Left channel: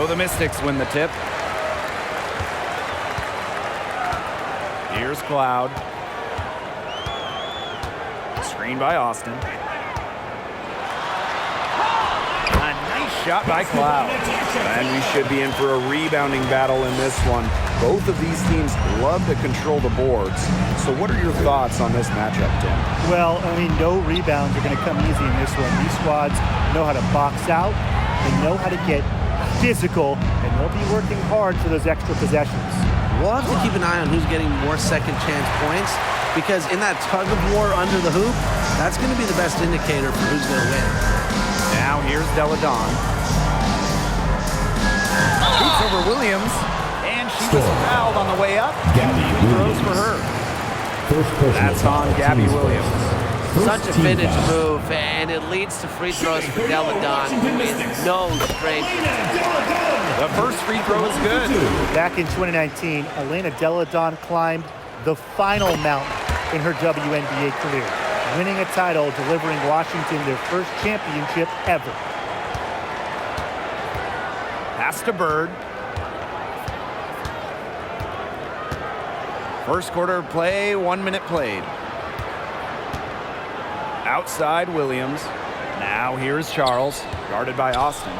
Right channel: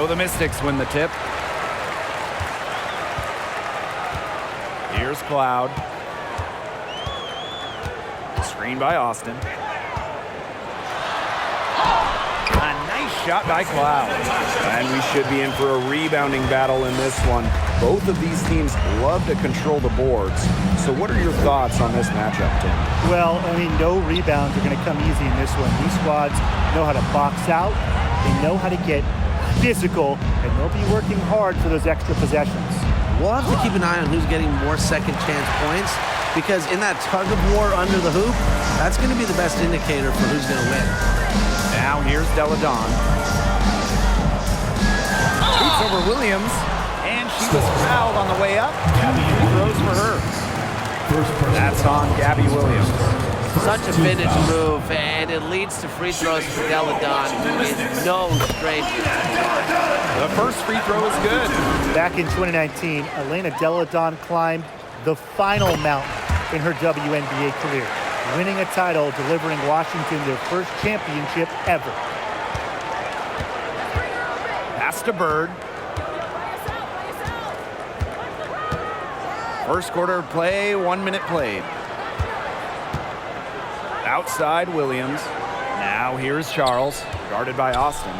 So the Mystics win the tip. Here's Cloud. Screen by Austin. A nice shot by Cloud. And we should be in for a rebounding battle in this one. Both of these teams love to control the boards. So what are your thoughts on this matchup, Tim? Well, I mean, no rebounds are going to come easy in this one. These squads know how to box out. They know how to get physical, and they'll be working hard for those extra possessions. We'll have to keep an eye on who's getting more second chance points, because in that tug of war under the hoop, that's going to be the best indicator for who's going to win. Now here's Delle Donne. Shoots over Williams, and she was fouled on the way up. Free throws for her. That's on Gabby Williams. Such a vintage move, and it leads to free throws for Delle Donne, who is no stranger to the line. The first free throw is good. Back in 2019, Elena Delle Donne climbed the final mountain in her WNBA career, winning a title, delivering Washington their first championship ever. Pass to Bird. First quarter of play, 1 minute played. Outside Williams. Now here's Charles, guarded by Austin.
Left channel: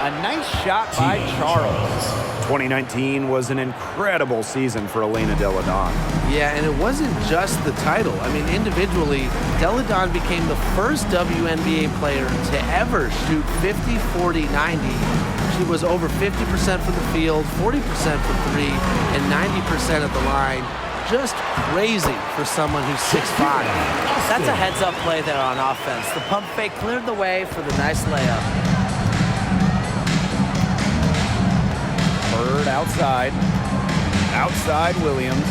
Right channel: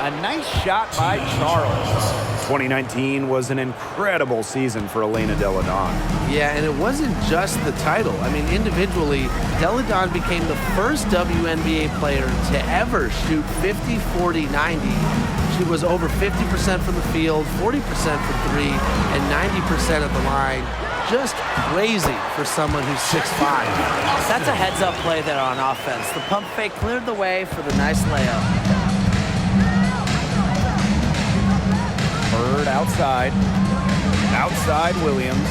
A nice shot by Charles. 2019 was an incredible season for Elena Delle Donne. Yeah, and it wasn't just the title. I mean, individually, Delle Donne became the first WNBA player to ever shoot 50, 40, 90. She was over 50% from the field, 40% from three, and 90% at the line. Just crazy for someone who's 6'5". That's a heads-up play there on offense. The pump fake cleared the way for the nice layup. Bird outside. Outside Williams.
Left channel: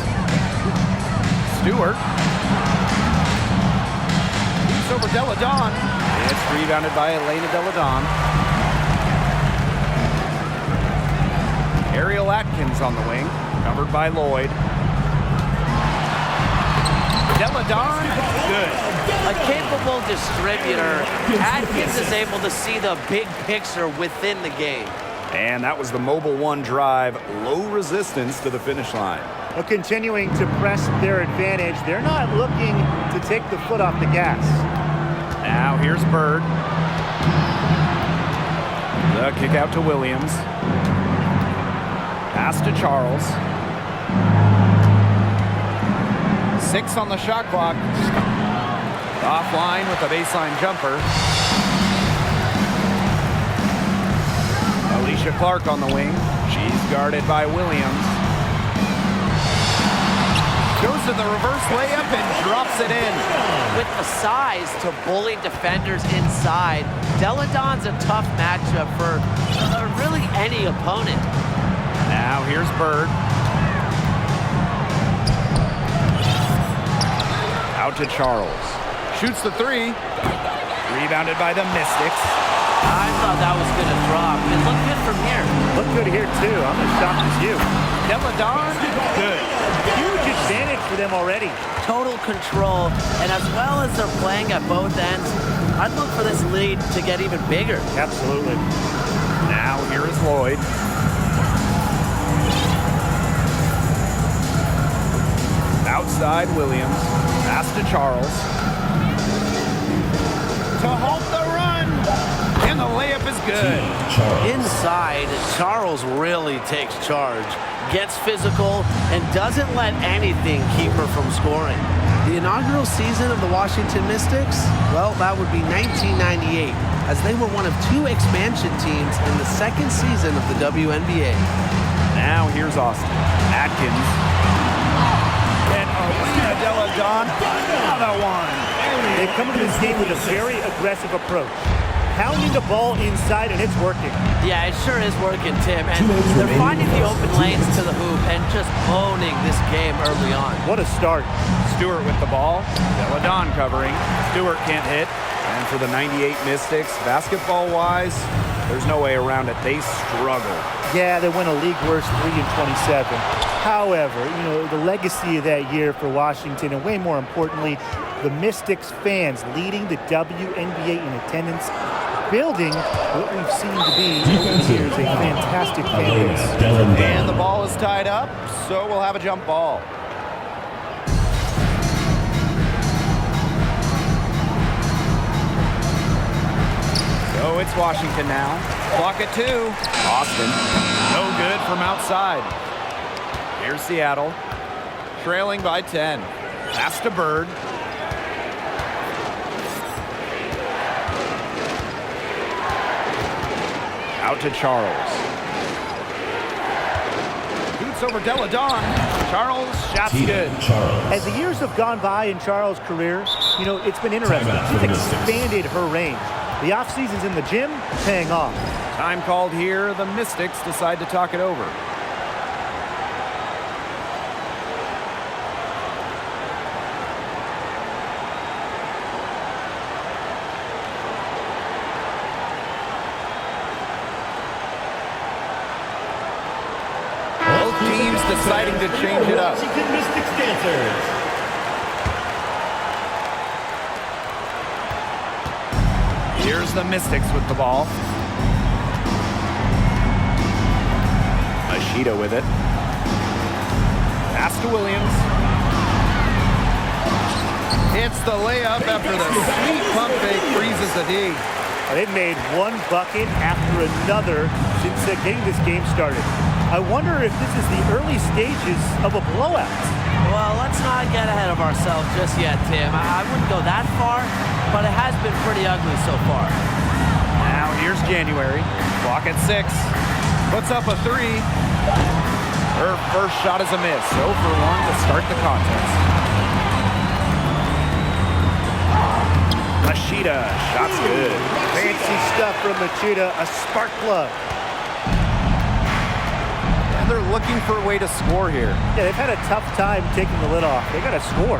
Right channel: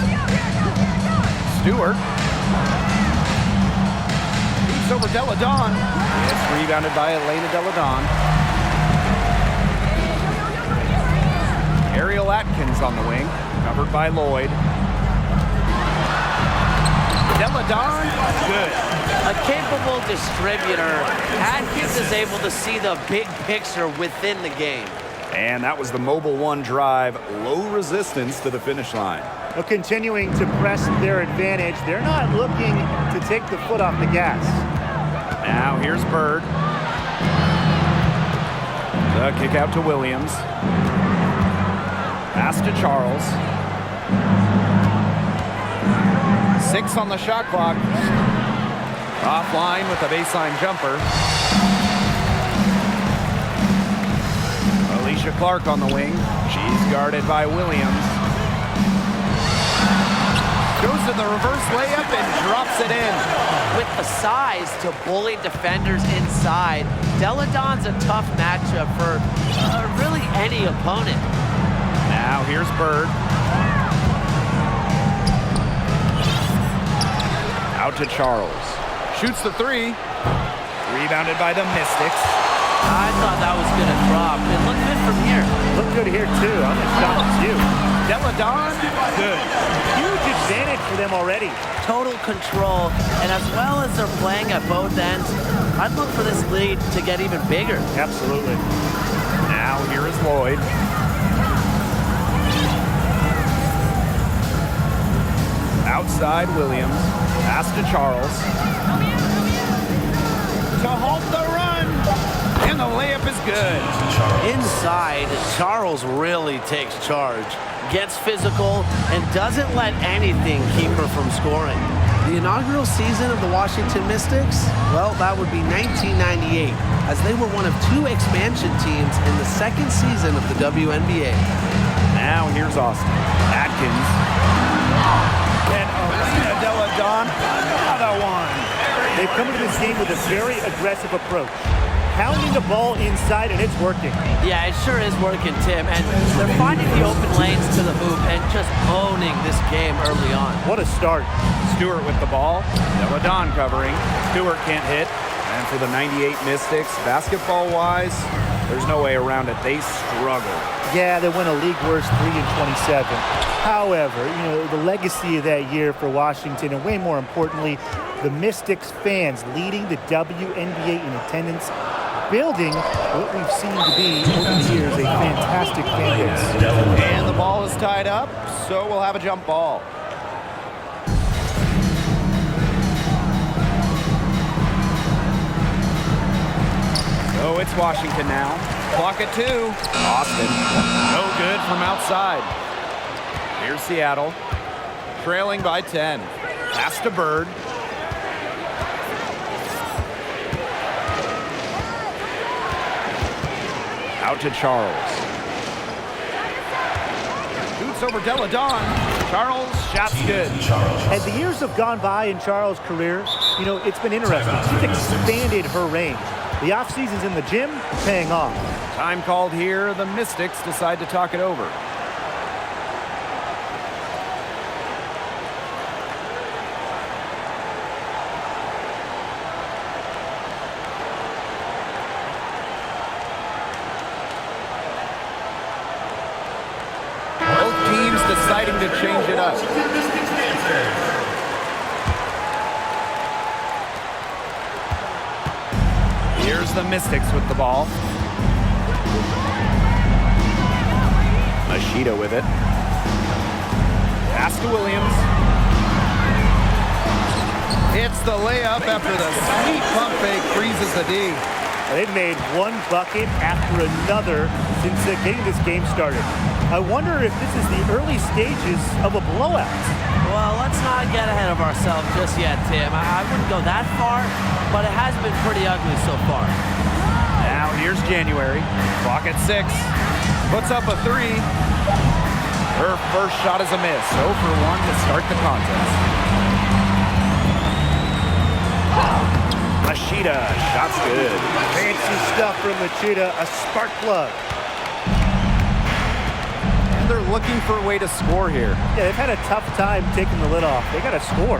Stewart. Keeps over Delle Donne. It's rebounded by Elena Delle Donne. Ariel Atkins on the wing, covered by Lloyd. Delle Donne, good. A capable distributor, Atkins is able to see the big picture within the game. And that was the Mobile One drive, low resistance to the finish line. Well, continuing to press their advantage, they're not looking to take the foot off the gas. Now here's Bird. The kick out to Williams. Pass to Charles. 6 on the shot clock. Offline with a baseline jumper. Alicia Clark on the wing. She's guarded by Williams. Goes to the reverse layup and drops it in. With the size to bully defenders inside, Delle Donne's a tough matchup for really any opponent. Now here's Bird. Out to Charles. Shoots the three. Rebounded by the Mystics. I thought that was going to drop. It looked good from here. Look good here, too. I'm as shocked as you. Delle Donne, good. Huge advantage for them already. Total control, and as well as they're playing at both ends, I'd look for this lead to get even bigger. Absolutely. Now here is Lloyd. Outside Williams. Pass to Charles. To halt the run. And the layup is good. Inside, Charles really takes charge, gets physical, and doesn't let anything keep her from scoring. The inaugural season of the Washington Mystics, well, that would be 1998, as they were one of 2 expansion teams in the second season of the WNBA. Now here's Austin. Atkins. And Elena Delle Donne, another one. They've come into this game with a very aggressive approach. Pounding the ball inside, and it's working. Yeah, it sure is working, Tim. And they're finding the open lanes to the hoop and just owning this game early on. What a start. Stewart with the ball. Delle Donne covering. Stewart can't hit. And for the 98 Mystics, basketball-wise, there's no way around it. They struggle. Yeah, they went a league worst 3-27. However, you know, the legacy of that year for Washington, and way more importantly, the Mystics fans leading the WNBA in attendance, building what we've seen to be over the years a fantastic fan base. And the ball is tied up, so we'll have a jump ball. So it's Washington now. Clock at 2. Austin, no good from outside. Here's Seattle, trailing by 10. Pass to Bird. Out to Charles. Shoots over Delle Donne. Charles, shot's good. As the years have gone by in Charles' career, you know, it's been interesting. She's expanded her range. The off-season's in the gym, paying off. Time called here. The Mystics decide to talk it over. Both teams deciding to change it up. Here's the Mystics with the ball. Machida with it. Pass to Williams. Hits the layup after the sweet pump fake freezes the D. They've made one bucket after another since getting this game started. I wonder if this is the early stages of a blowout. Well, let's not get ahead of ourselves just yet, Tim. I wouldn't go that far, but it has been pretty ugly so far. Now here's January. Clock at 6. Puts up a 3. Her first shot is a miss. 0 for 1 to start the contest. Machida, shot's good. Fancy stuff from Machida, a spark plug. And they're looking for a way to score here. Yeah, they've had a tough time taking the lid off. They got to score.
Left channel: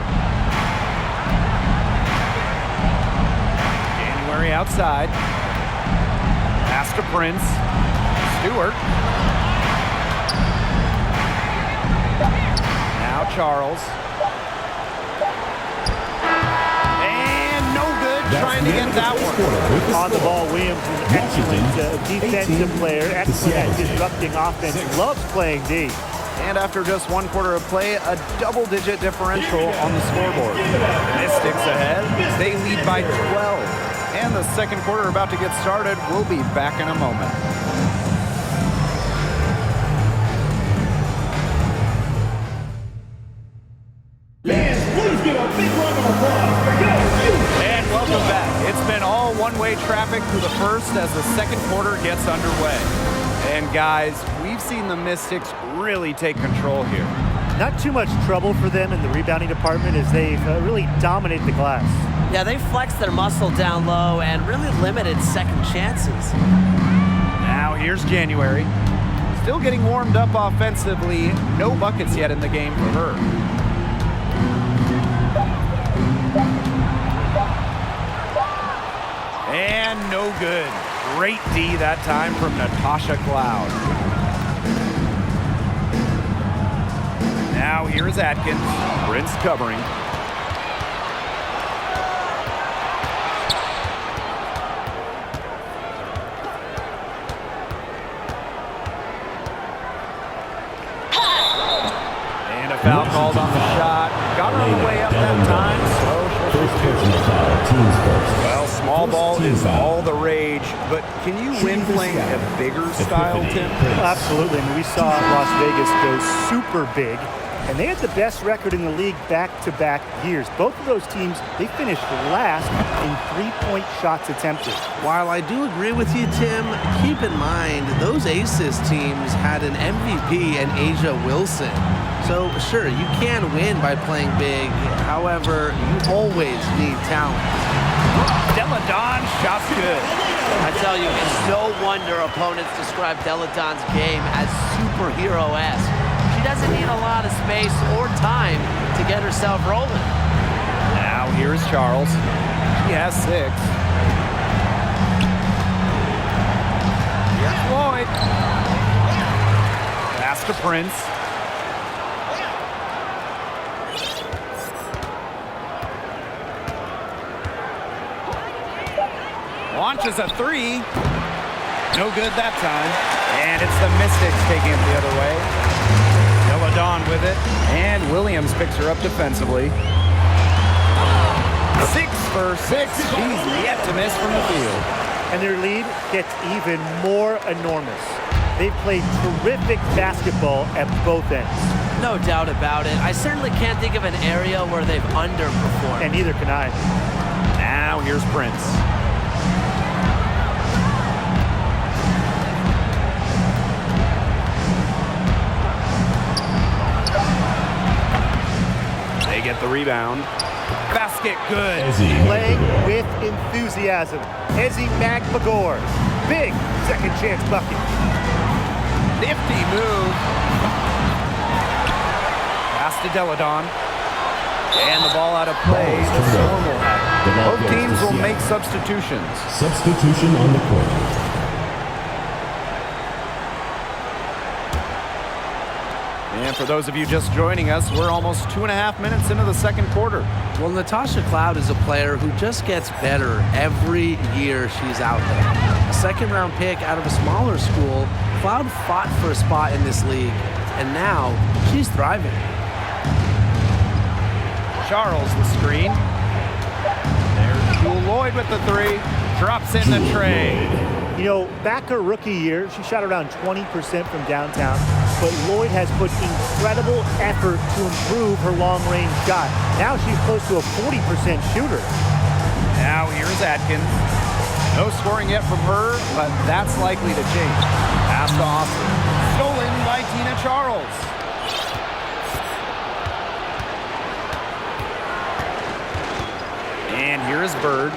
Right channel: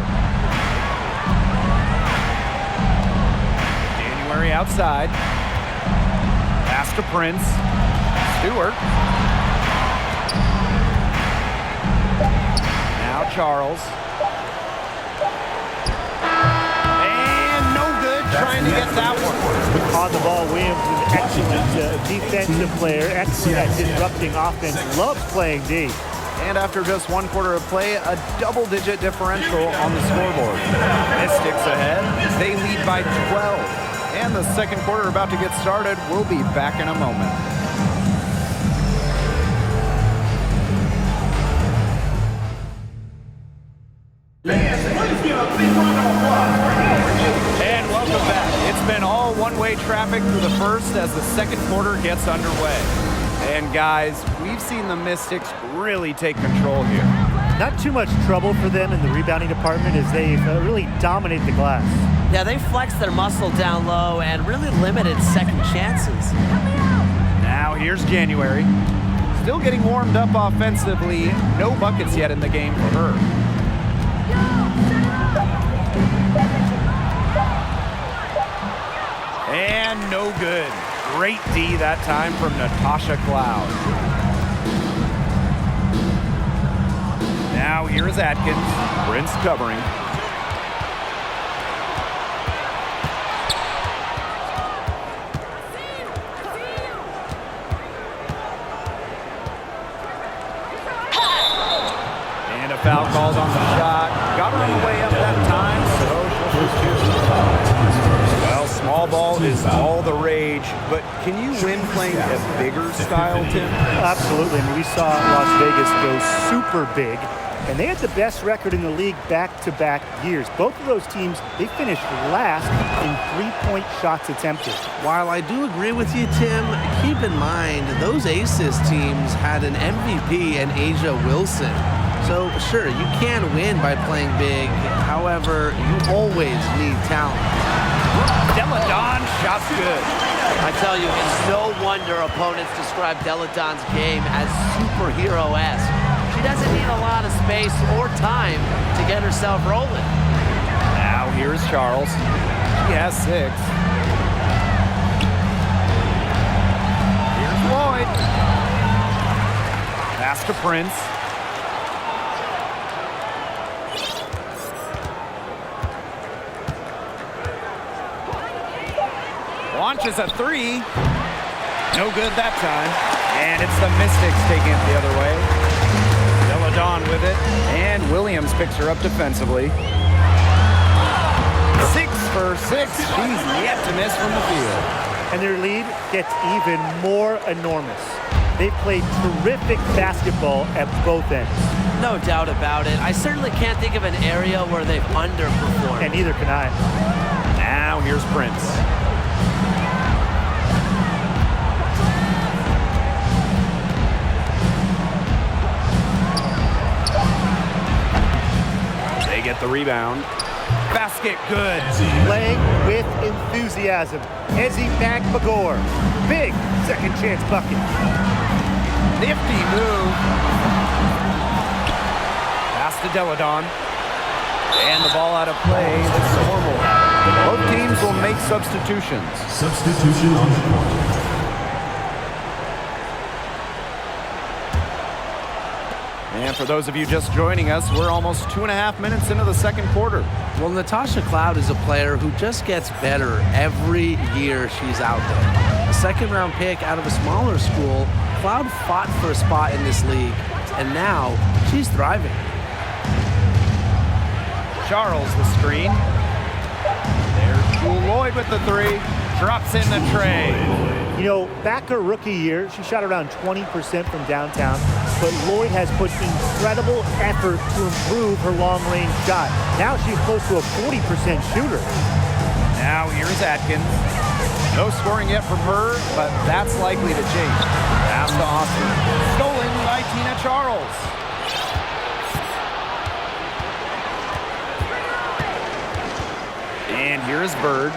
January outside. Pass to Prince. Stewart. Now Charles. And no good trying to get that one. On the ball, Williams is an excellent defensive player, excellent at disrupting offense, loves playing D. And after just 1 quarter of play, a double-digit differential on the scoreboard. Mystics ahead. They lead by 12. And the second quarter about to get started. We'll be back in a moment. Please give a big round of applause for And welcome back. It's been all one-way traffic through the first as the second quarter gets underway. And guys, we've seen the Mystics really take control here. Not too much trouble for them in the rebounding department as they've really dominated the glass. Yeah, they flexed their muscle down low and really limited second chances. Now here's January. Still getting warmed up offensively. No buckets yet in the game for her. And no good. Great D that time from Natasha Cloud. Now here's Atkins. Prince covering. And a foul called on the shot. Got her on the way up that time, so she'll shoot 2. Well, small ball is all the rage, but can you win playing a bigger style, Tim? Absolutely. I mean, we saw Las Vegas go super big, and they had the best record in the league back-to-back years. Both of those teams, they finished last in three-point shots attempted. While I do agree with you, Tim, keep in mind those Aces teams had an MVP in Asia Wilson. So, sure, you can win by playing big. However, you always need talent. Delle Donne, shot's good. I tell you, it's no wonder opponents describe Delle Donne's game as superhero-esque. She doesn't need a lot of space or time to get herself rolling. Now here's Charles. She has 6. Here's Lloyd. Pass to Prince. Launches a three. No good that time. And it's the Mystics taking it the other way. Delle Donne with it. And Williams picks her up defensively. 6 for 6. She's yet to miss from the field. And their lead gets even more enormous. They've played terrific basketball at both ends. No doubt about it. I certainly can't think of an area where they've underperformed. And neither can I. Now here's Prince. They get the rebound. Basket good. Playing with enthusiasm. Ezzy McMagor. Big second chance bucket. Nifty move. Pass to Delle Donne. And the ball out of play. The Storm will have it. Both teams will make substitutions. Substitution on the court. And for those of you just joining us, we're almost 2.5 minutes into the second quarter. Well, Natasha Cloud is a player who just gets better every year she's out there. A second-round pick out of a smaller school, Cloud fought for a spot in this league, and now she's thriving. Charles the screen. There's Jewel Lloyd with the three. Drops in the tray. You know, back her rookie year, she shot around 20% from downtown, but Lloyd has put incredible effort to improve her long-range shot. Now she's close to a 40% shooter. Now here's Atkins. No scoring yet from her, but that's likely to change. Pass to Austin. Stolen by Tina Charles. And here's Bird.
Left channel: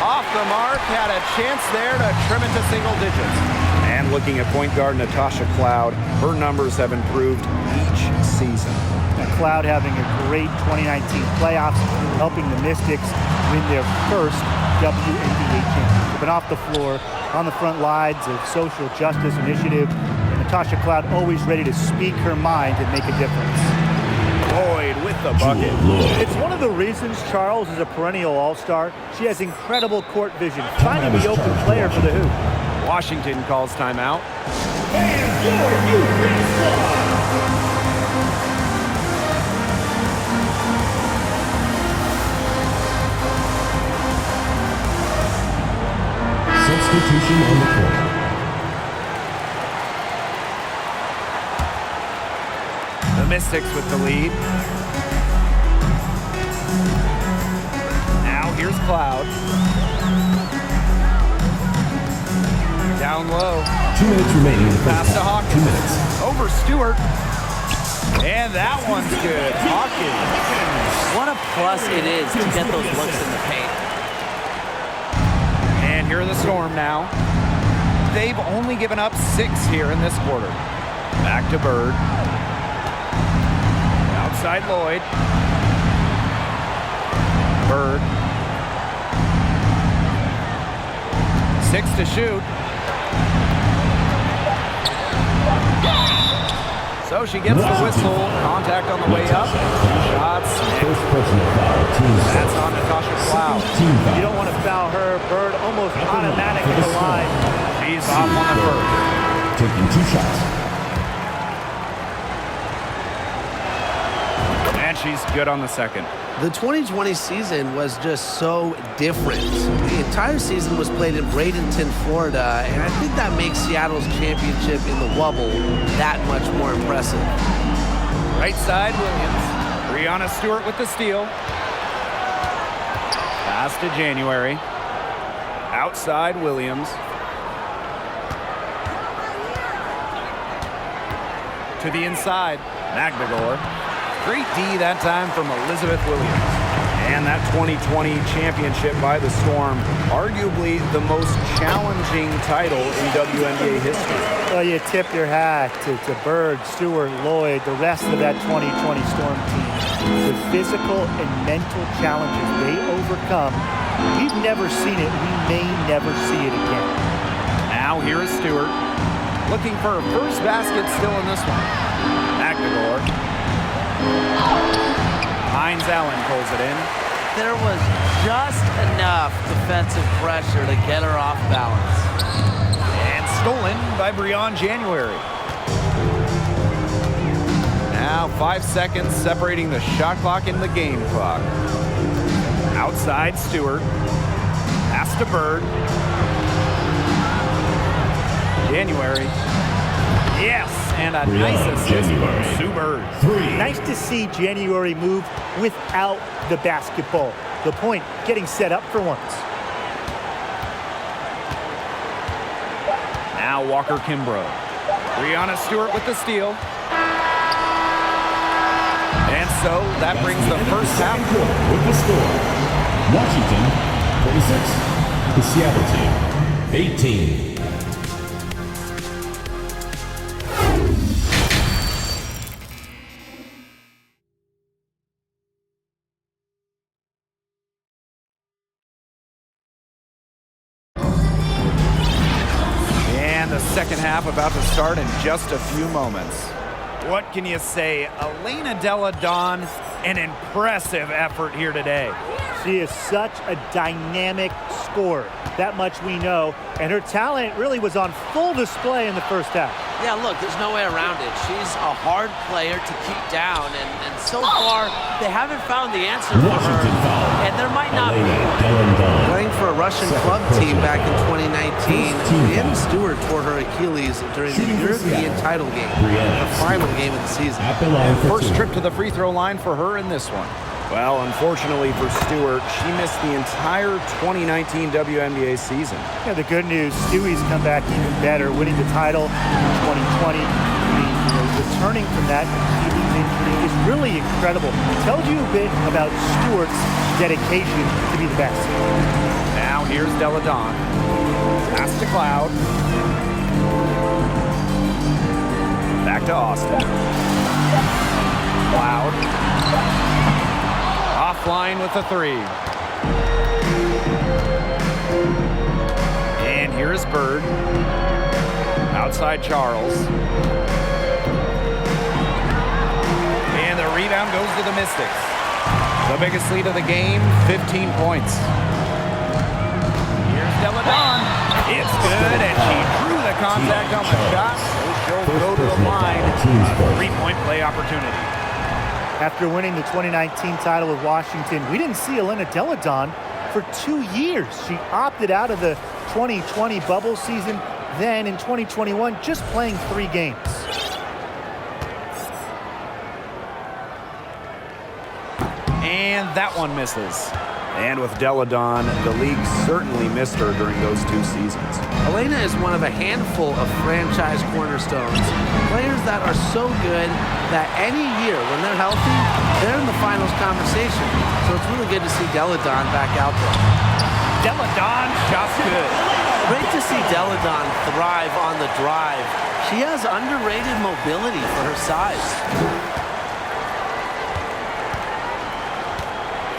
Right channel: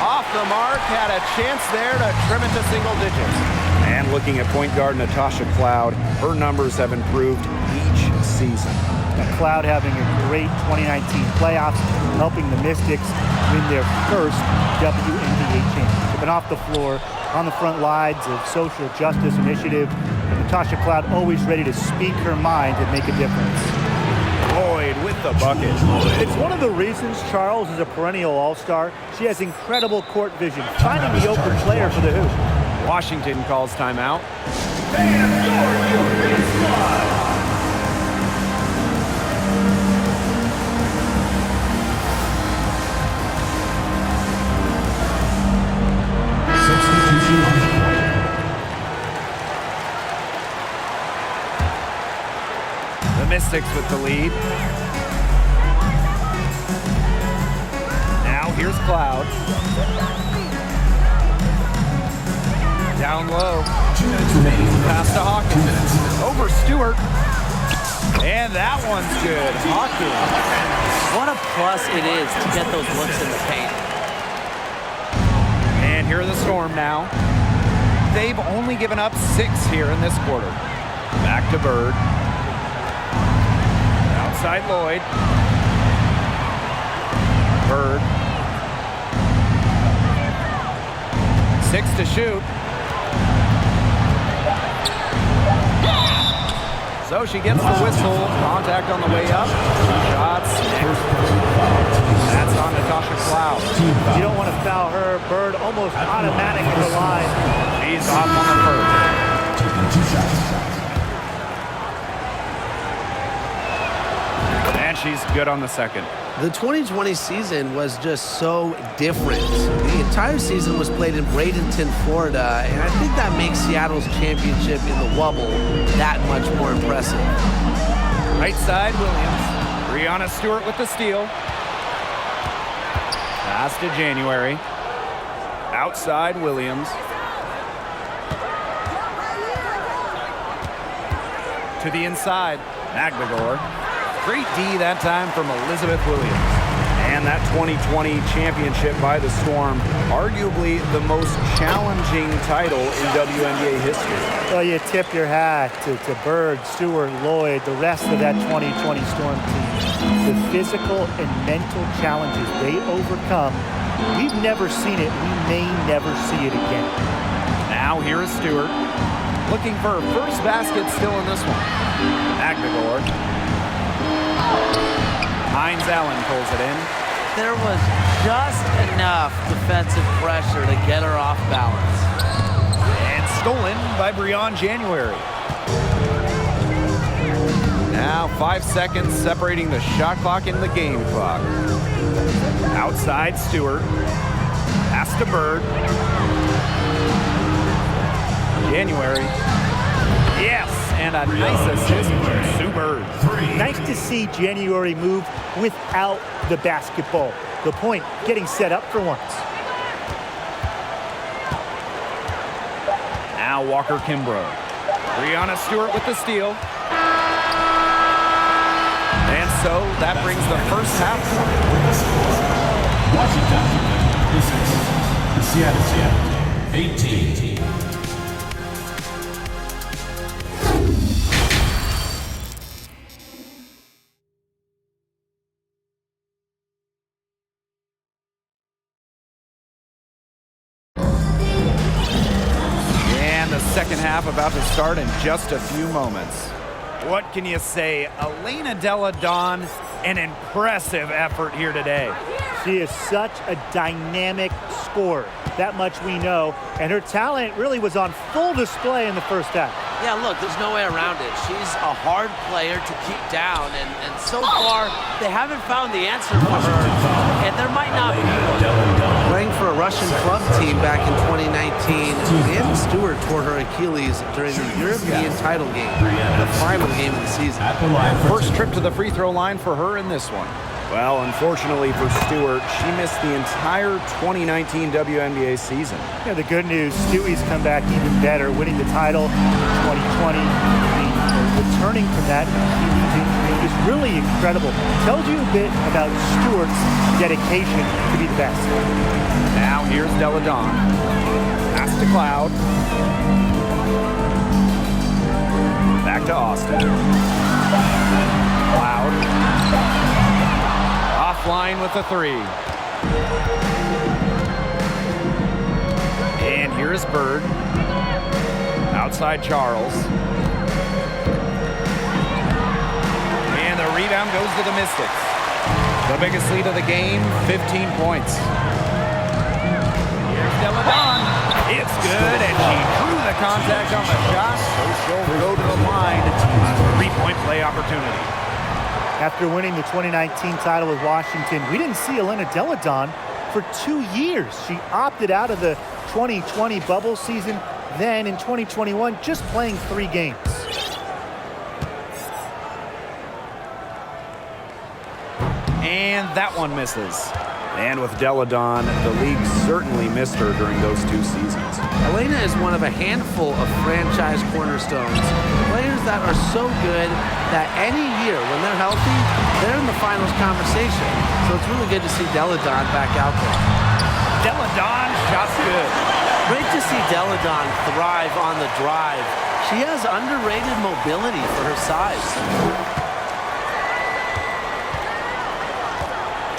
Off the mark, had a chance there to trim it to single digits. And looking at point guard Natasha Cloud, her numbers have improved each season. Now, Cloud having a great 2019 playoffs, helping the Mystics win their first WNBA championship. And off the floor, on the front lines of social justice initiative, and Natasha Cloud always ready to speak her mind and make a difference. Lloyd with the bucket. It's one of the reasons Charles is a perennial all-star. She has incredible court vision, finding the open player for the hoop. Washington calls timeout. And your youth squad. Substitution on the court. The Mystics with the lead. Now here's Cloud. Down low. 2 minutes remaining in the first Pass to half. 2 Hawkins. minutes. Over Stewart. And that one's good. Hawkins. What a plus it is to get those looks in the paint. And here are the Storm now. They've only given up 6 here in this quarter. Back to Bird. Outside Lloyd. Bird. 6 to shoot. So she gets the whistle. Contact on the way up. 2 shots. First personal foul. Team That's on Natasha Cloud. Team foul. You don't want to foul her. Bird almost automatic in the line. She's off on the first. Taking 2 shots. And she's good on the second. The 2020 season was just so different. The entire season was played in Bradenton, Florida, and I think that makes Seattle's championship in the Wubble that much more impressive. Right side, Williams. Breonna Stewart with the steal. Pass to January. Outside, Williams. To the inside, McMagor. Great D that time from Elizabeth Williams. And that 2020 championship by the Storm, arguably the most challenging title in WNBA history. Well, you tip your hat to Bird, Stewart, Lloyd, the rest of that 2020 Storm team. The physical and mental challenges they overcome, we've never seen it. We may never see it again. Now here is Stewart. Looking for her first basket still in this one. McMagor. Hines Allen pulls it in. there was just enough defensive pressure to get her off balance. And stolen by Breon January. Now 5 seconds separating the shot clock and the game clock. Outside Stewart. Pass to Bird. January. Yes, and a nice assist from Sue Bird. Nice to see January move without the basketball. The point, getting set up for once. Now Walker Kimbrough. Breonna Stewart with the steal. And so that brings the first half. With the score, Washington 26, the Seattle team 18. And the second half about to start in just a few moments. What can you say? Elena Delle Donne, an impressive effort here today. She is such a dynamic scorer. That much we know. And her talent really was on full display in the first half. Yeah, look, there's no way around it. She's a hard player to keep down, and so far, they haven't found the answer for her, and there might not be one. Playing for a Russian club team back in 2019, Breonna Stewart tore her Achilles during the European title game, the final game of the season. At the line for First trip to the free throw line for her in this one. Well, unfortunately for Stewart, she missed the entire 2019 WNBA season. Yeah, the good news, Stewie's come back even better, winning the title in 2020. Returning from that Achilles injury is really incredible. Tells you a bit about Stewart's dedication to be the best. Now here's Delle Donne. Pass to Cloud. Back to Austin. Cloud. Offline with a three. And here's Bird. Outside Charles. And the rebound goes to the Mystics. The biggest lead of the game, 15 points. Here's Delle Donne. It's good, and she drew the contact on the shot, so she'll go to the line. A three-point play opportunity. After winning the 2019 title with Washington, we didn't see Elena Delle Donne for 2 years. She opted out of the 2020 bubble season, then in 2021, just playing 3 games. And that one misses. And with Delle Donne, the league certainly missed her during those 2 seasons. Elena is one of a handful of franchise cornerstones, players that are so good that any year when they're healthy, they're in the finals conversation. So it's really good to see Delle Donne back out there. Delle Donne, shot's good. Great to see Delle Donne thrive on the drive. She has underrated mobility for her size.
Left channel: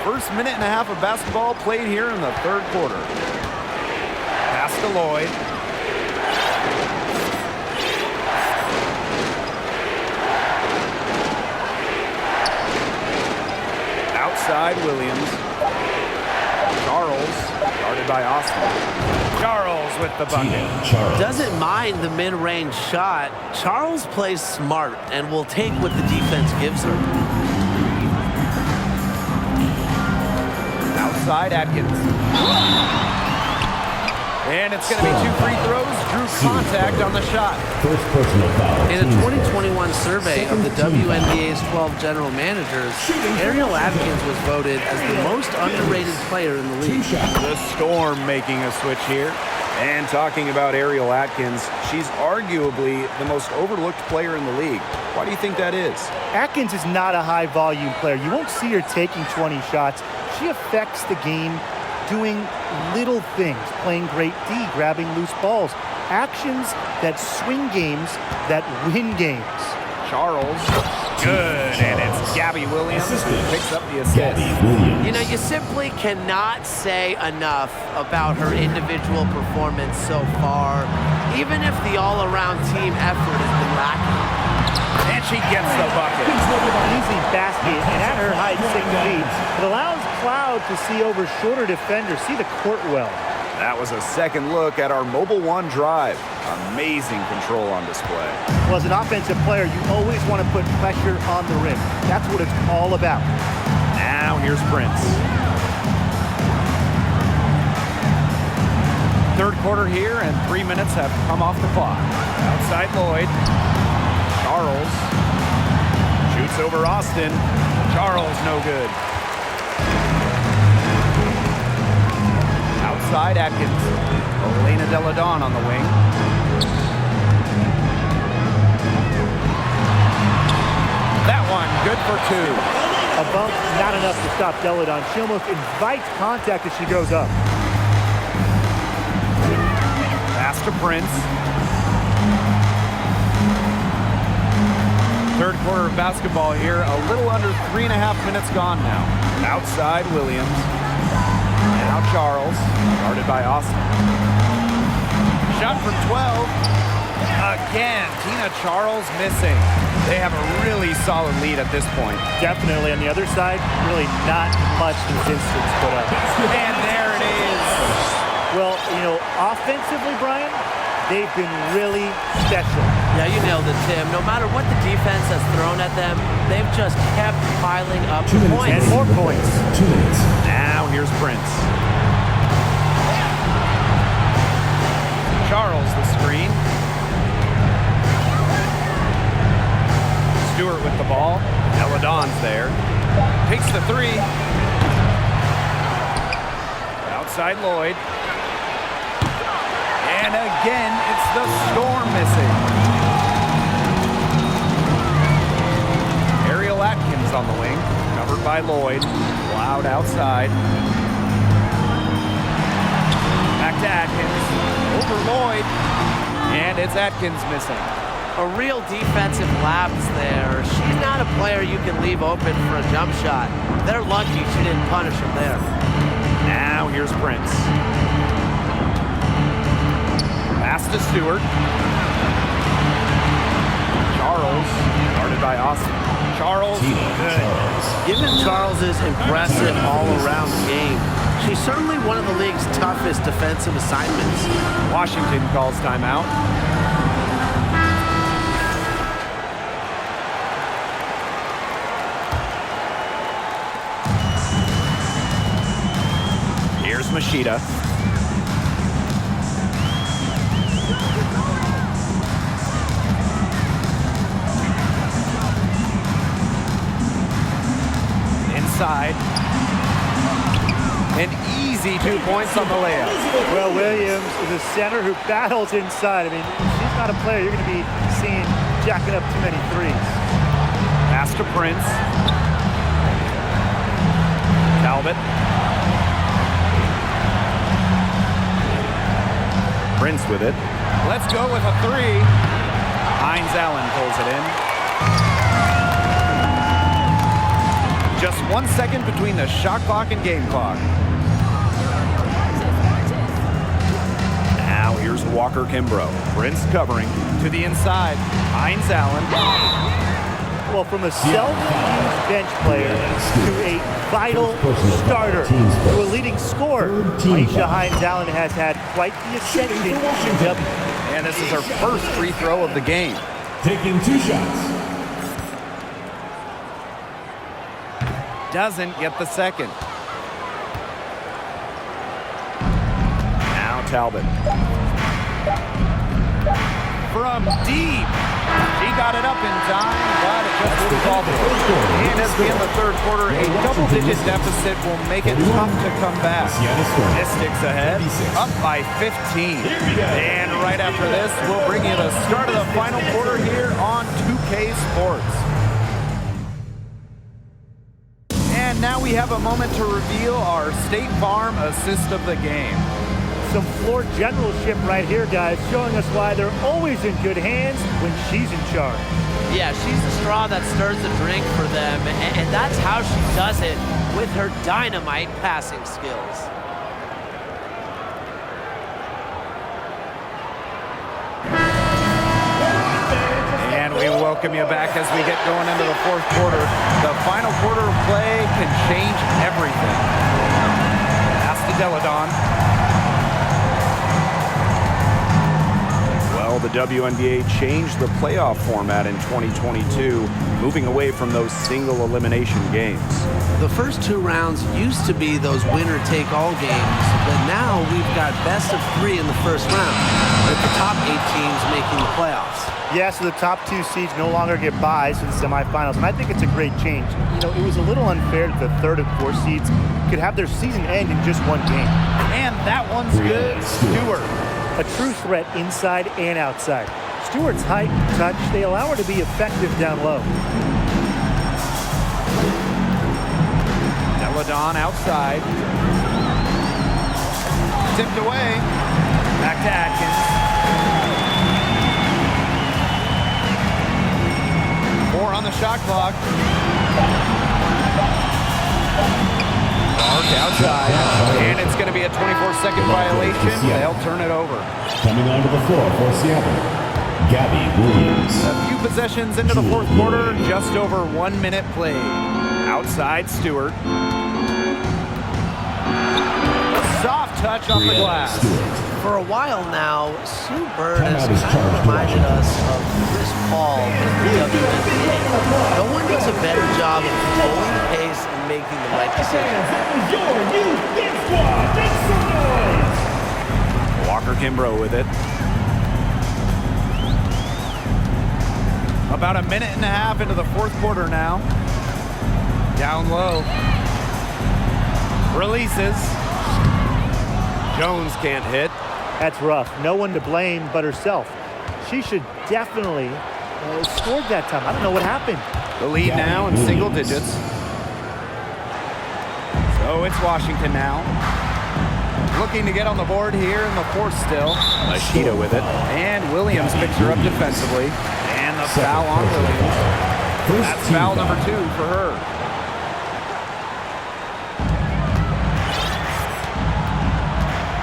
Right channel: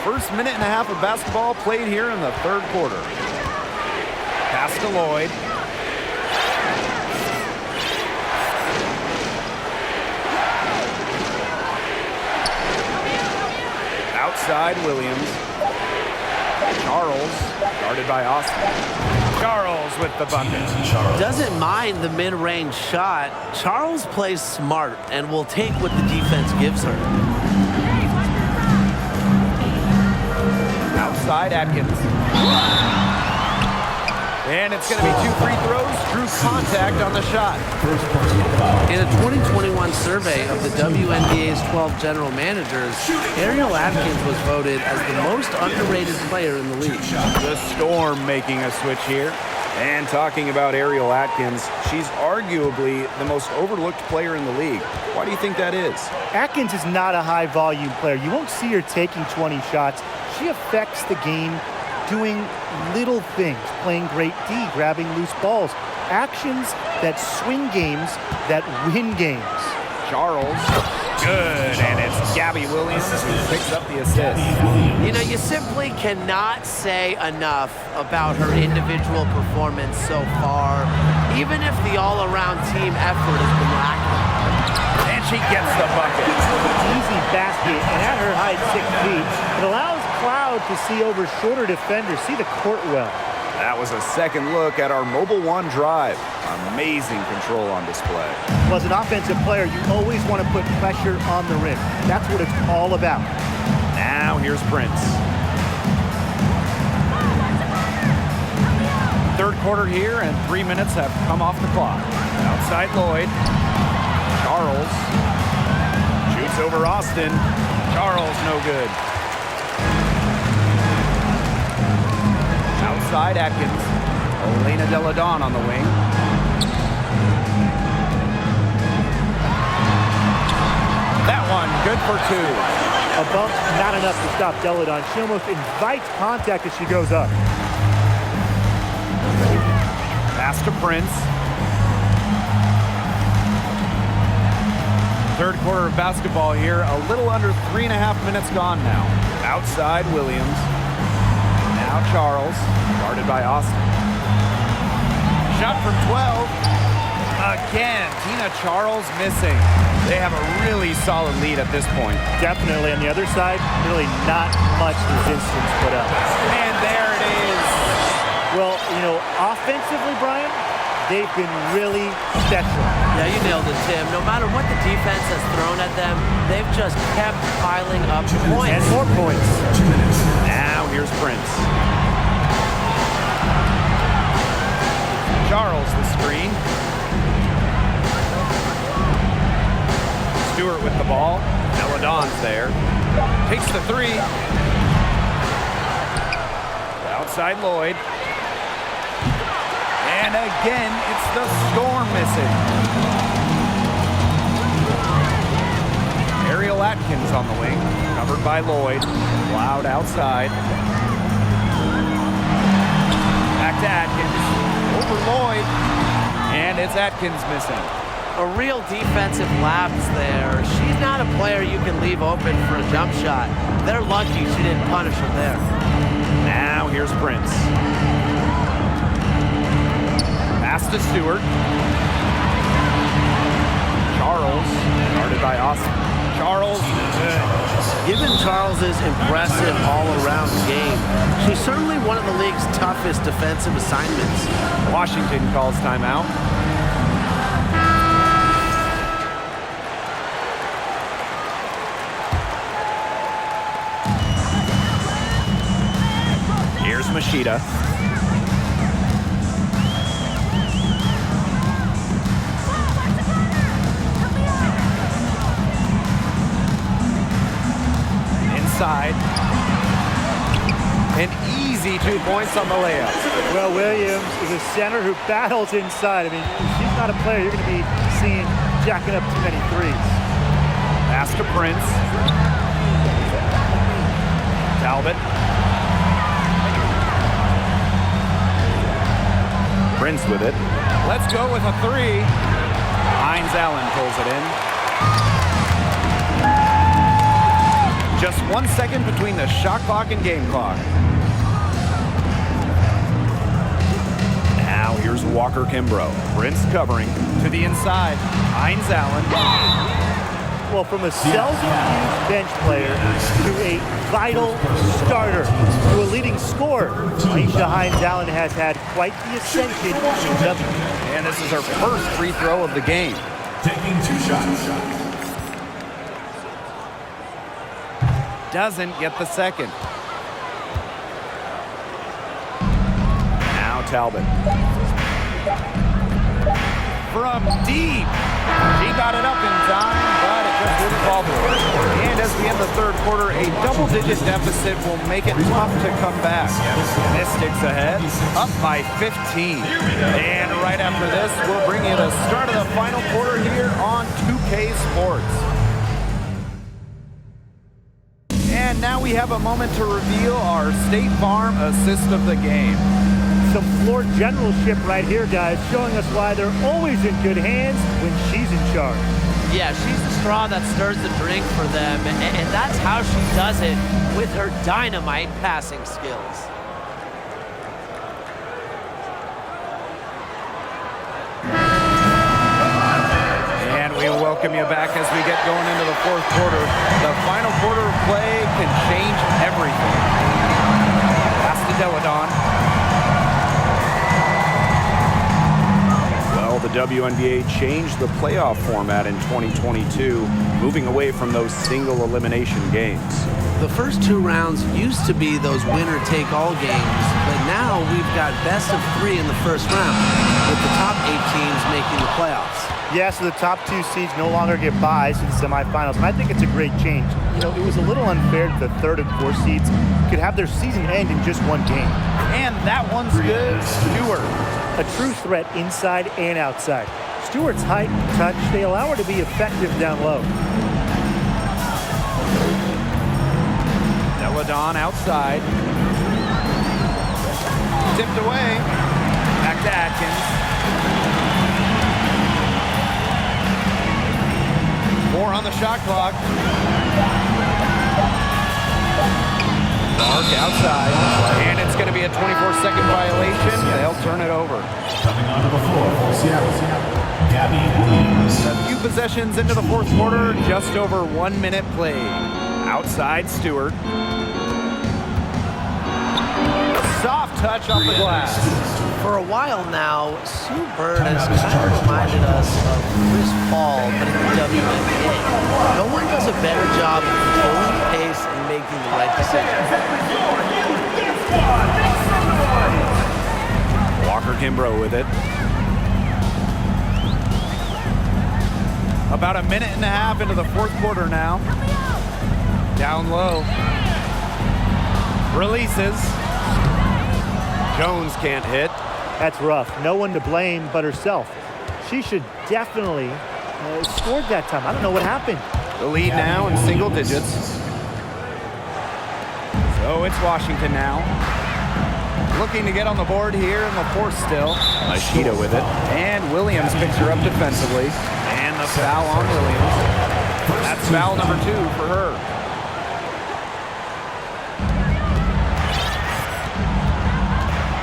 First minute and a half of basketball played here in the third quarter. Pass to Lloyd. Outside Williams. Charles, guarded by Austin. Charles with the bucket. Doesn't mind the mid-range shot. Charles plays smart and will take what the defense gives her. Outside Atkins. And it's going to be 2 free throws. Drew contact on the shot. First personal foul. In a 2021 survey of the WNBA's 12 general managers, Ariel Atkins was voted as the most underrated player in the league. The Storm making a switch here. And talking about Ariel Atkins, she's arguably the most overlooked player in the league. Why do you think that is? Atkins is not a high-volume player. You won't see her taking 20 shots. She affects the game doing little things, playing great D, grabbing loose balls, actions that swing games, that win games. Charles, good, and it's Gabby Williams who picks up the assist. You know, you simply cannot say enough about her individual performance so far, even if the all-around team effort has been lacking. And she gets the bucket. Easy basket, and at her height, 6 feet, it allows Cloud to see over shorter defenders, see the court well. That was a second look at our Mobile One drive. Amazing control on display. Well, as an offensive player, you always want to put pressure on the rim. That's what it's all about. Now here's Prince. Third quarter here, and 3 minutes have come off the clock. Outside Lloyd. Charles shoots over Austin. Charles no good. Outside Atkins. Elena Delle Donne on the wing. That one good for 2. A bump, not enough to stop Delle Donne. She almost invites contact as she goes up. Pass to Prince. Third quarter of basketball here. A little under 3.5 minutes gone now. Outside Williams. Now Charles, guarded by Austin. Shot from 12. Again, Tina Charles missing. They have a really solid lead at this point. Definitely. On the other side, really not much resistance put up. And there it is. Well, you know, offensively, Brian, they've been really special. Yeah, you nailed it, Tim. No matter what the defense has thrown at them, they've just kept piling up the points. And more points. 2 minutes. Now here's Prince. Charles the screen. Stewart with the ball. Delle Donne's there. Takes the 3. Outside Lloyd. And again, it's the Storm missing. Ariel Atkins on the wing, covered by Lloyd. Loud outside. Back to Atkins. Over Lloyd. And it's Atkins missing. A real defensive lapse there. She's not a player you can leave open for a jump shot. They're lucky she didn't punish him there. Now here's Prince. Pass to Stewart. Charles, guarded by Austin. Charles, good. Given Charles's impressive all-around game, she's certainly one of the league's toughest defensive assignments. Washington calls timeout. Here's Machida. Inside. An easy 2 points on the layup. Well, Williams is a center who battles inside. I mean, she's not a player you're going to be seeing jacking up too many threes. Pass to Prince. Talbot. Prince with it. Let's go with a 3. Hines Allen pulls it in. Just 1 second between the shot clock and game clock. Now here's Walker Kimbrough. Prince covering to the inside. Hines Allen. Well, from a seldom-used bench player to a vital starter to a leading scorer, Aisha Hines Allen has had quite the ascension in W. And this is her first free throw of the game. Taking 2 shots. Doesn't get the second. Now Talbot. From deep. She got it up in time, but it just wouldn't fall for her. And as we end the third quarter, a double-digit deficit will make it tough to come back. Mystics ahead, up by 15. And right after this, we'll bring you the start of the final quarter here on 2K Sports. And now we have a moment to reveal our State Farm assist of the game. Some floor generalship right here, guys, showing us why they're always in good hands when she's in charge. Yeah, she's the straw that stirs the drink for them, and that's how she does it with her dynamite passing skills. And we welcome you back as we get going into the fourth quarter. The final quarter of play can change everything. Pass to Delle Donne. Well, the WNBA changed the playoff format in 2022, moving away from those single elimination games. The first 2 rounds used to be those winner-take-all games, but now we've got best of 3 in the first round, with the top 8 teams making the playoffs. Yeah, so the top 2 seeds no longer get byes to the semifinals, and I think it's a great change. You know, it was a little unfair that the 3rd and 4th seeds could have their season end in just 1 game. And that one's good. Stewart. A true threat inside and outside. Stewart's height and touch, they allow her to be effective down low. Delle Donne outside. Tipped away. Back to Atkins. 4 on the shot clock. Dark outside. And it's going to be a 24-second violation. They'll turn it over. Coming onto the floor for Seattle, Gabby Williams. A few possessions into the fourth quarter, just over 1 minute played. Outside Stewart. Soft touch off the glass. For a while now, Sue Bird has kind of reminded us of Chris Paul, but in the WNBA. No one does a better job of controlling the pace and making the right decision. Walker Kimbrough with it. About a minute and a half into the fourth quarter now. Down low. Releases. Jones can't hit. That's rough. No one to blame but herself. She should definitely scored that time. I don't know what happened. The lead now in single digits. So it's Washington now. Looking to get on the board here in the fourth still. Machida with it. And Williams picks her up defensively. And the foul on Williams. That's foul number 2 for her.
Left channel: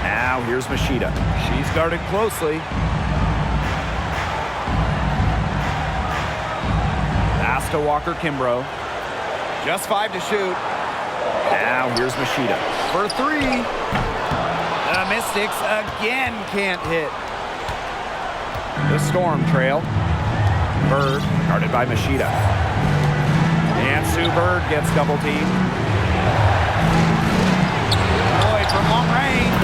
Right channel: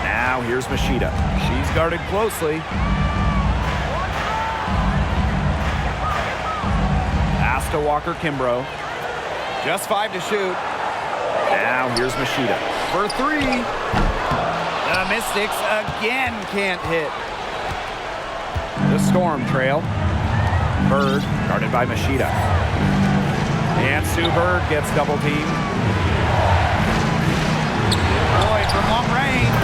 Now here's Machida. She's guarded closely. Pass to Walker Kimbrough. Just 5 to shoot. Now here's Machida for 3. The Mystics again can't hit. The Storm trail. Bird guarded by Machida. And Sue Bird gets double teamed. Boyd from long range.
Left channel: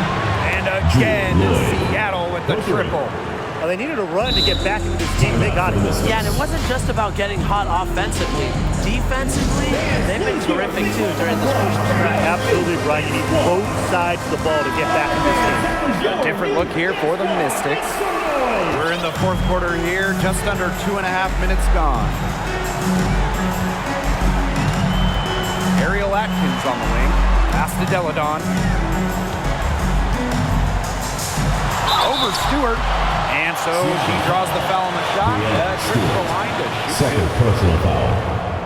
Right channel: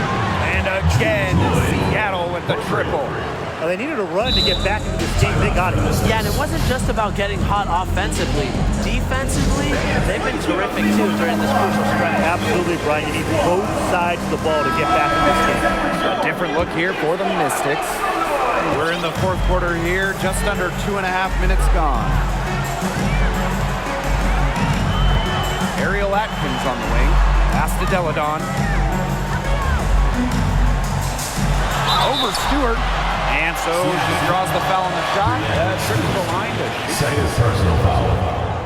And again, Seattle with the triple. Well, they needed a run to get back into this game. They got it. Yeah, and it wasn't just about getting hot offensively. Defensively, they've been terrific too during this crucial stretch. Absolutely, Brian. You need both sides of the ball to get back in this game. A different look here for the Mystics. We're in the fourth quarter here, just under 2.5 minutes gone. Ariel Atkins on the wing. Pass to Delle Donne. Over Stewart. And so she draws the foul on the shot. Trip to the line to shoot. Second personal foul.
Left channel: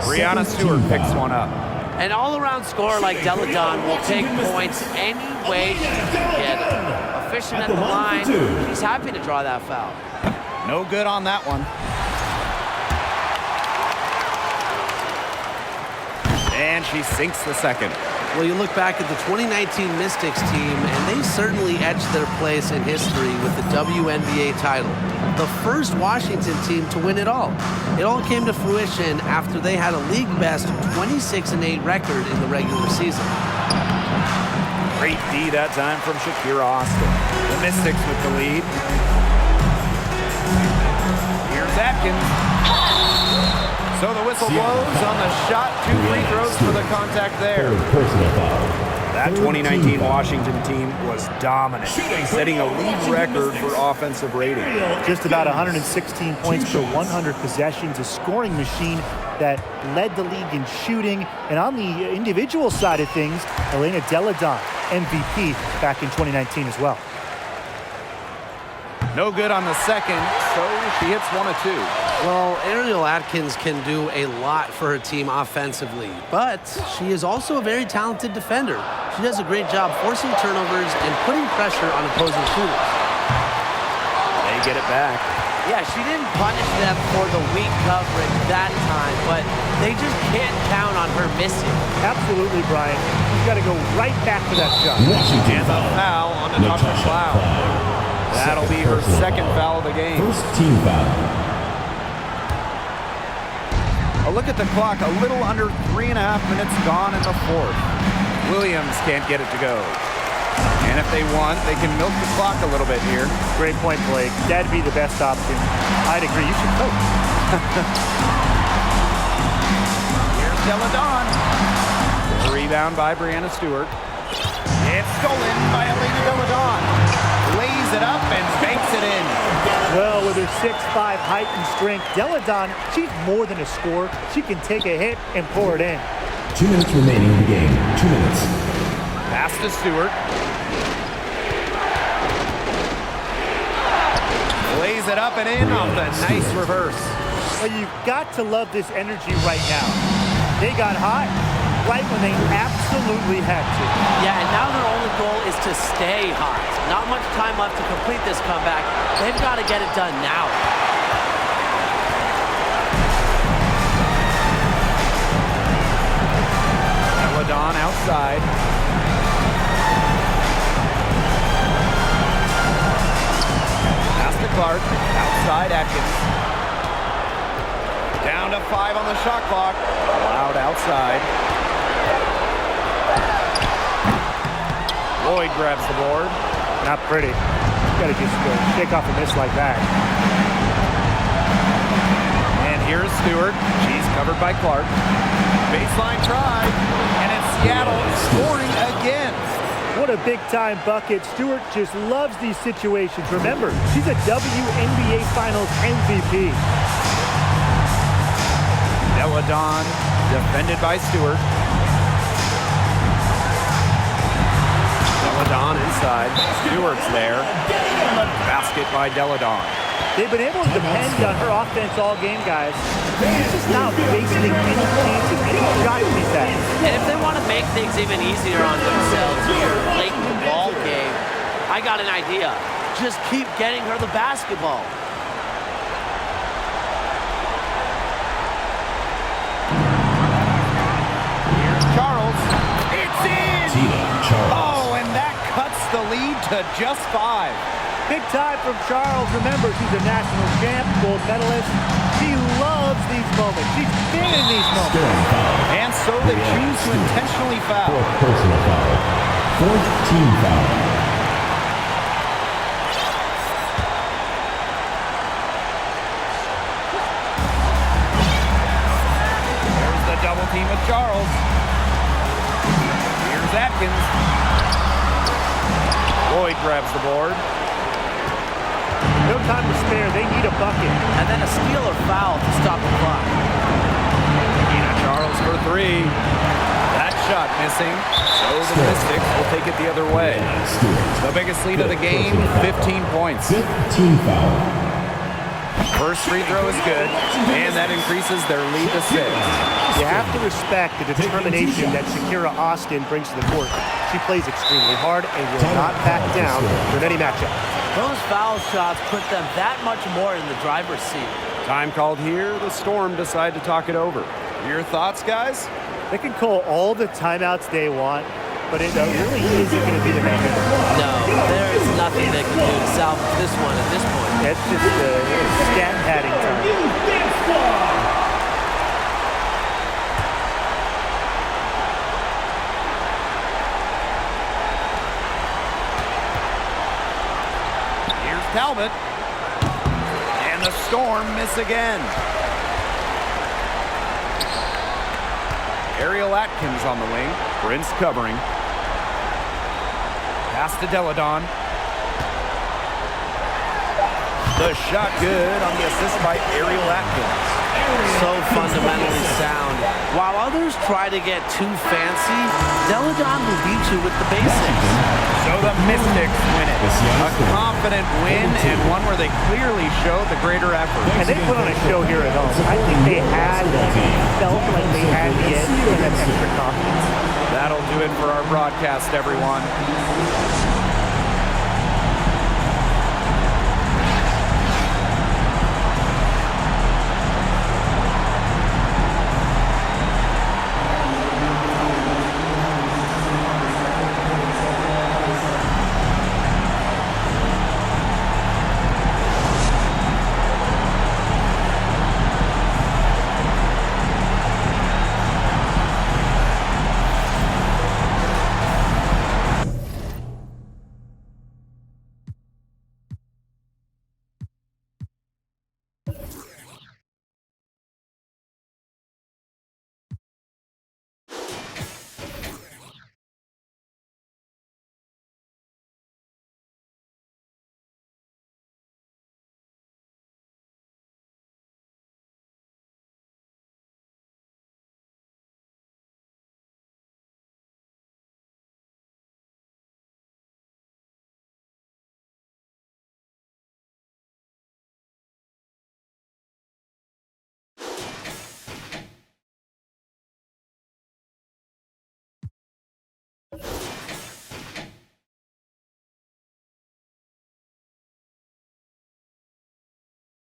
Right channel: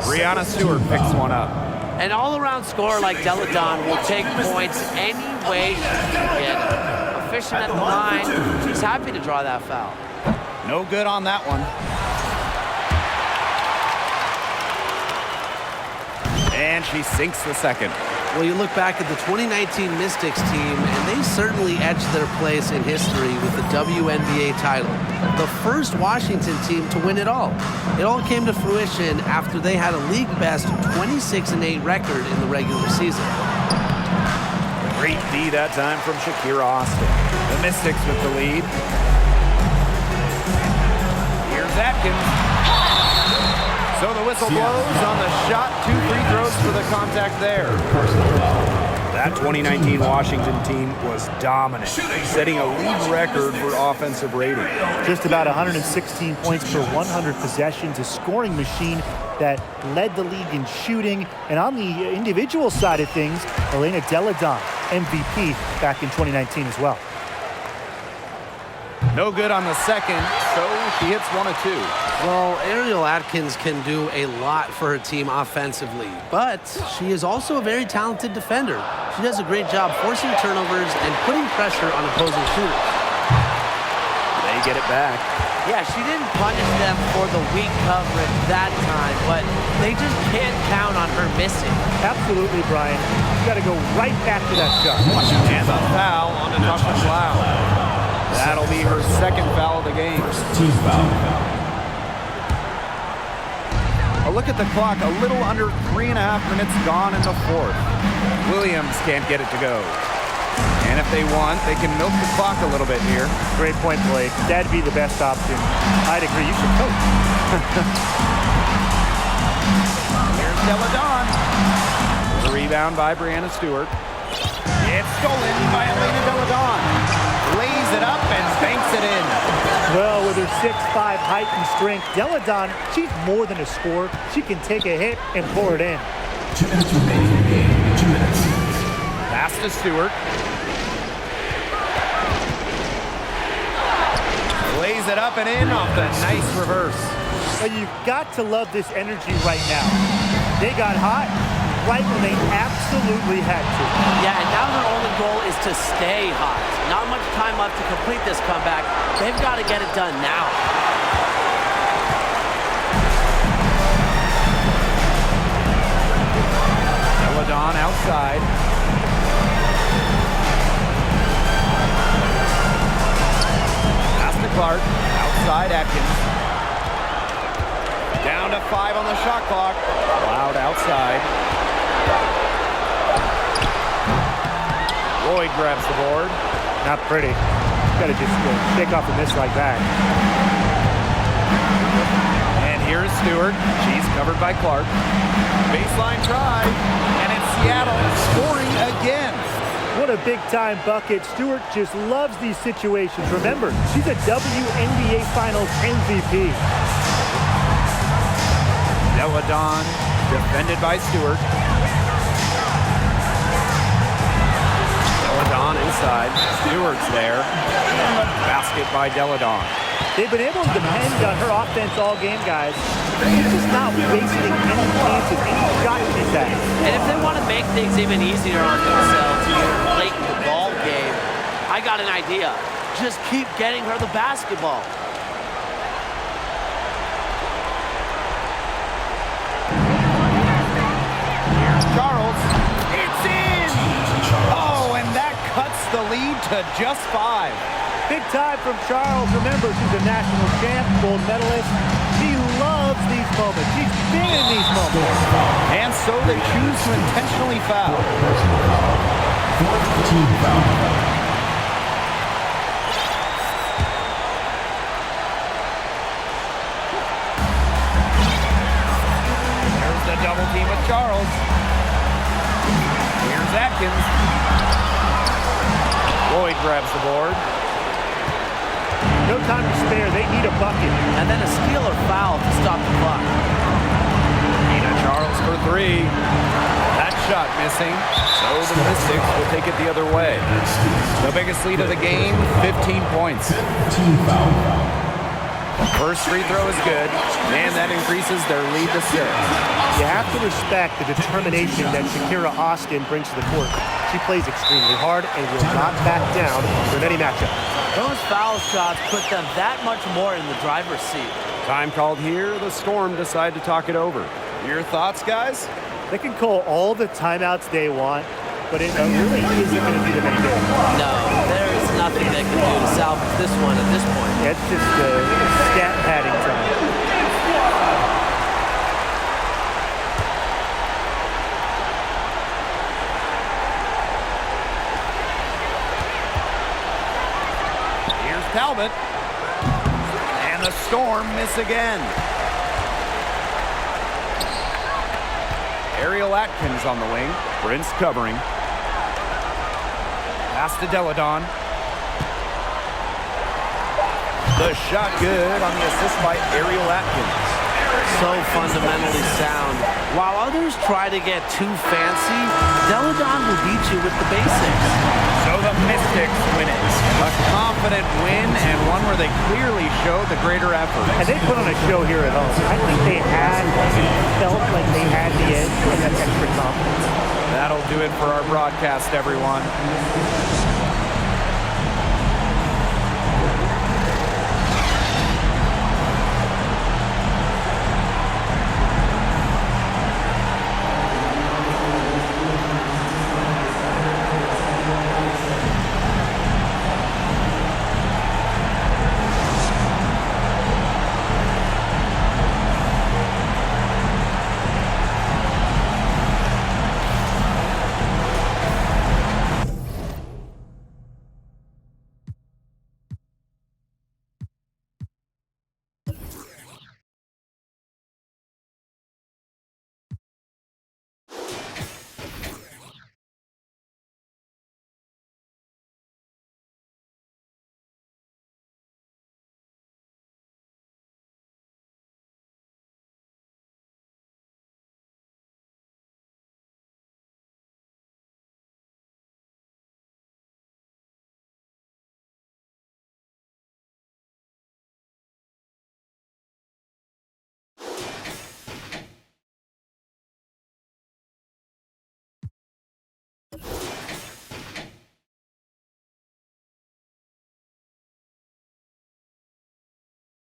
Brianna Stewart picks one up. An all-around scorer like Delle Donne will take points any way she can get them. Efficient at the line, she's happy to draw that foul. No good on that one. And she sinks the second. Well, you look back at the 2019 Mystics team, and they certainly etched their place in history with the WNBA title. The first Washington team to win it all. It all came to fruition after they had a league-best 26-8 record in the regular season. Great D that time from Shakira Austin. The Mystics with the lead. Here's Atkins. So the whistle blows on the shot. 2 free throws for the contact there. Personal foul. That 2019 Washington team was dominant, setting a league record for offensive rating. Just about 116 points per 100 possessions, a scoring machine that led the league in shooting. And on the individual side of things, Elena Delle Donne, MVP back in 2019 as well. No good on the second, so she hits 1 of 2. Well, Ariel Atkins can do a lot for her team offensively, but she is also a very talented defender. She does a great job forcing turnovers and putting pressure on opposing shooters. They get it back. Yeah, she didn't punish them for the weak coverage that time, but they just can't count on her missing. Absolutely, Brian. You got to go right back to that shot. Washington And the foul on Natasha Cloud. That'll be her second foul of the game. First team foul. A look at the clock, a little under 3.5 minutes gone in the fourth. Williams can't get it to go. And if they want, they can milk the clock a little bit here. Great point, Blake. That'd be the best option. I'd agree. You should coach. Here's Delle Donne. The rebound by Brianna Stewart. It's stolen by Elena Delle Donne. Lays it up and banks it in. Well, with her 6'5" height and strength, Delle Donne, she's more than a scorer. She can take a hit and pour it in. 2 minutes remaining in the game. 2 minutes. Pass to Stewart. Lays it up and in off the nice reverse. Well, you've got to love this energy right now. They got hot right when they absolutely had to. Yeah, and now their only goal is to stay hot. Not much time left to complete this comeback. They've got to get it done now. Delle Donne outside. Pass to Clark. Outside Atkins. Down to 5 on the shot clock. Loud outside. Lloyd grabs the board. Not pretty. You got to just shake off a miss like that. And here's Stewart. She's covered by Clark. Baseline try. And it's Seattle scoring again. What a big-time bucket. Stewart just loves these situations. Remember, she's a WNBA Finals MVP. Delle Donne defended by Stewart. Delle Donne inside. Stewart's there. Basket by Delle Donne. They've been able to depend on her offense all game, guys. She's just not wasting any chances, any shots she's had. And if they want to make things even easier on themselves here late in the ball game, I got an idea. Just keep getting her the basketball. Here's Charles. It's in! Oh, and that cuts the lead to just 5. Big time from Charles. Remember, she's a national champ, gold medalist. She loves these moments. She's been in these moments. And so they choose to intentionally foul. Fourth personal foul. Fourth team foul. There's the double team with Charles. Here's Atkins. Lloyd grabs the board. No time to spare. They need a bucket. And then a steal or foul to stop the clock. Ina Charles for 3. That shot missing. So the Mystics will take it the other way. The biggest lead of the game, 15 points. Fifth team foul. First free throw is good, and that increases their lead to 6. You have to respect the determination that Shakira Austin brings to the court. She plays extremely hard and will not back down from any matchup. Those foul shots put them that much more in the driver's seat. Time called here. The Storm decide to talk it over. Your thoughts, guys? They can call all the timeouts they want, but it really isn't going to do them any good. No, there is nothing they can do to salvage this one at this point. Yeah, it's just stat padding time. Here's Talbot. And the Storm miss again. Ariel Atkins on the wing. Prince covering. Pass to Delle Donne. The shot good on the assist by Ariel Atkins. So fundamentally sound. While others try to get too fancy, Delle Donne will beat you with the basics. So the Mystics win it. A confident win and one where they clearly showed the greater effort. And they put on a show here at home. I think they felt like they had the edge and that extra confidence. That'll do it for our broadcast, everyone.